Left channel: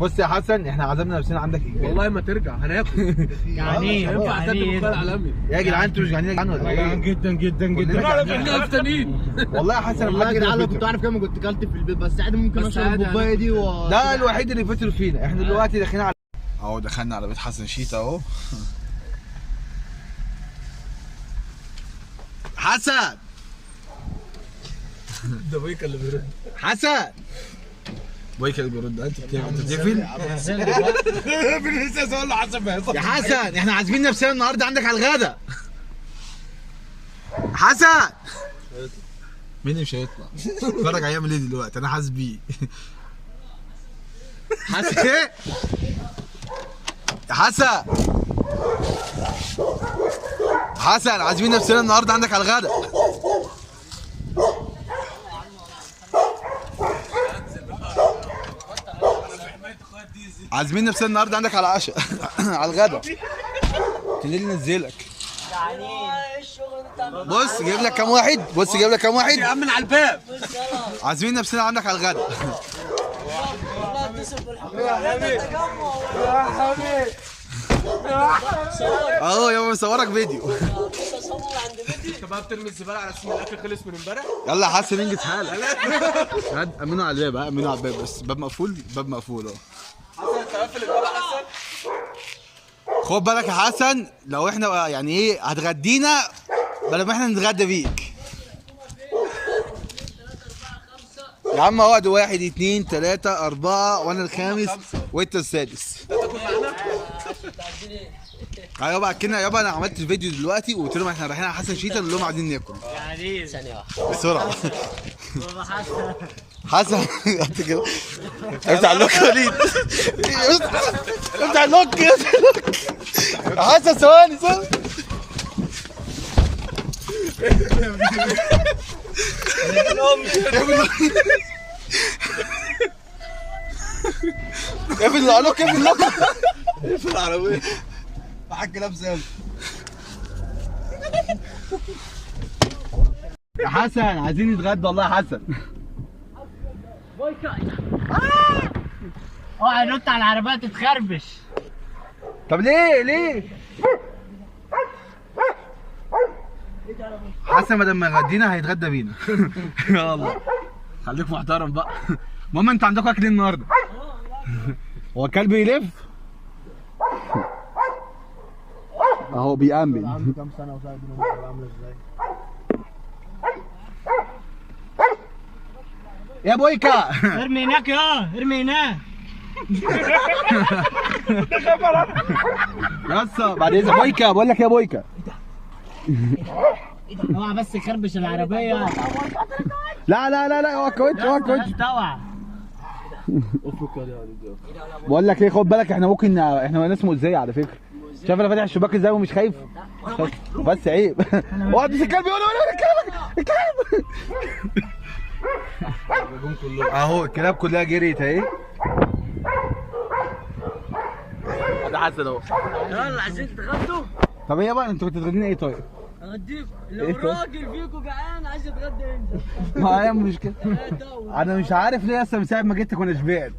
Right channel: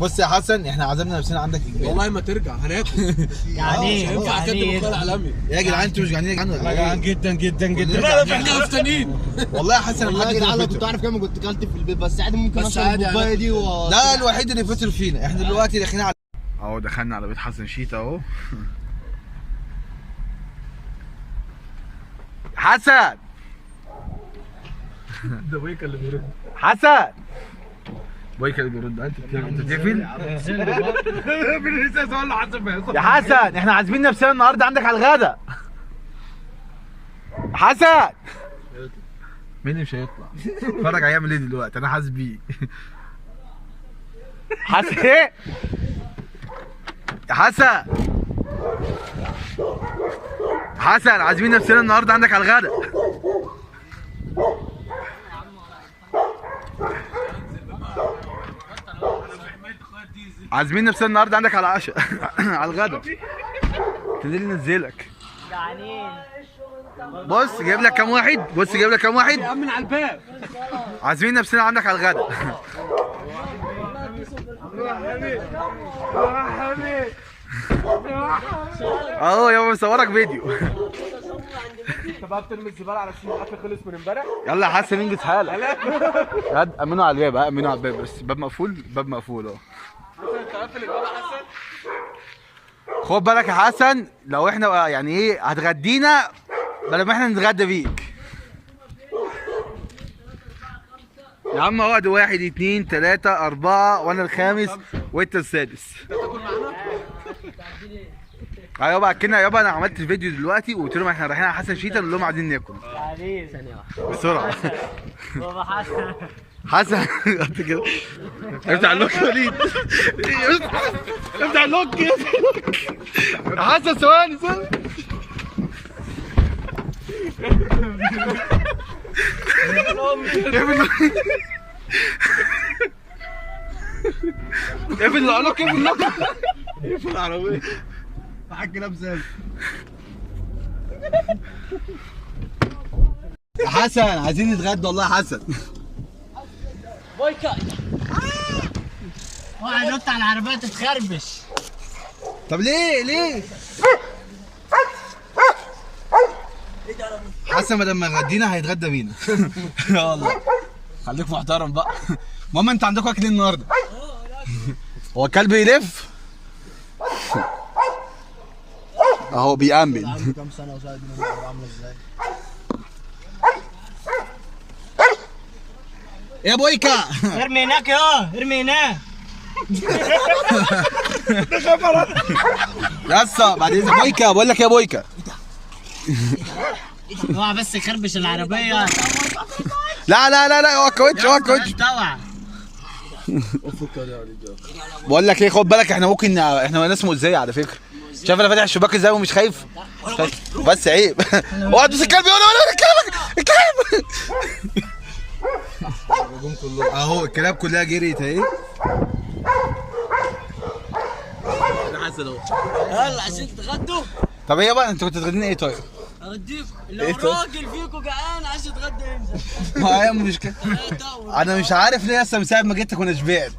بص يا حسن، احنا عزمنا نفسنا عندك اجباري. والله ما ترجع هناكل. يعني مش هينفع اكتب القاهره العالمي. يا جدعان انتوا مش جعانين يا جدعان ولا ايه؟ جدا جدا جدا. احنا مفتنين. والله يا حسن والله يا جدعان لو كنت عارف كام كنت كلت في البيت، بس عادي ممكن بس اشرب عادي الكوبايه دي ده الوحيد اللي فطر فينا. احنا دلوقتي داخلين على اهو، دخلنا على بيت حسن شيتا اهو. حسن ده بيك اللي بيرد. حسن بويكا اللي بيرد. انت بتقفل لسه اقول له حسن بيحصل. يا حسن، احنا عازمين نفسنا النهارده عندك على الغدا. حسن مين اللي مش هيطلع؟ اتفرج هيعمل ايه دلوقتي، انا حاسس بيه. حسن ايه؟ يا حسن، حسن عازمين نفسنا النهارده عندك على الغدا. عازمين نفسنا النهارده عندك على العشاء. على الغدا. تنزل ننزلك. بص جايب لك كام واحد، بص جايب لك كام واحد. يأمن على الباب. عازمين نفسنا عندك على الغدا. اهو يابا مصورك فيديو. انت بقى بترمي الزباله على اساس الاكل خلص من امبارح. يلا يا حسن انجز حالك. ياد امنوا على الباب، امنوا على الباب، بس الباب مقفول، الباب مقفول اهو. انت قافل الباب يا حسن. خد بالك يا حسن، لو احنا يعني ايه هتغدينا بلا ما احنا نتغدى بيك. يا عم اقعد، 1 2 3 4 وانا الخامس وانت السادس. ايوه بقى كنا يابا، انا عملت الفيديو دلوقتي وقلت لهم احنا رايحين على حسن شيتا، نقول لهم عايزين ناكل. يعني ثانية واحدة بسرعه. بابا حسن. حسن انت كده افتح اللوك يا وليد. افتح اللوك يا حسن. ثواني اقفل اللوك، اقفل اللوك، اقفل العربية معاك كلام سامي. يا حسن عايزين نتغدى والله يا حسن. بويكا اوعى نط على العربية تتخربش. طب ليه؟ حسن ما دام غدينا هيتغدى بينا. يا والله خليك محترم بقى. ماما انت عندكم اكل النهارده؟ هو الكلب يلف اهو بيأمن. كام سنه وساعد عامله ازاي؟ يا بويكا ارمي هناك يا ارمي هناك. يسا بعد اذنك بويكا، بقول لك يا بويكا. اوعى بس يخربش العربية. لا اوعى كوتش، اوعى كوتش. طبعا. بقول لك ايه، خد بالك احنا ممكن، احنا ناس مؤذية على فكرة. شايف انا فاتح الشباك ازاي ومش خايف؟ بس عيب. اوعى تدوس الكلب، ولا الكلب. اهو الكلاب كلها جريت اهي. ده حسن اهو. يلا عشان تتغدوا. طب ايه بقى، انتوا كنتوا تغدين ايه طيب؟ اوديك لو راجل فيكم جعان عايز يتغدى ينزل. ما هي مشكلة. انا مش عارف ليه لسه من ساعة ما جيت كنا شبعت.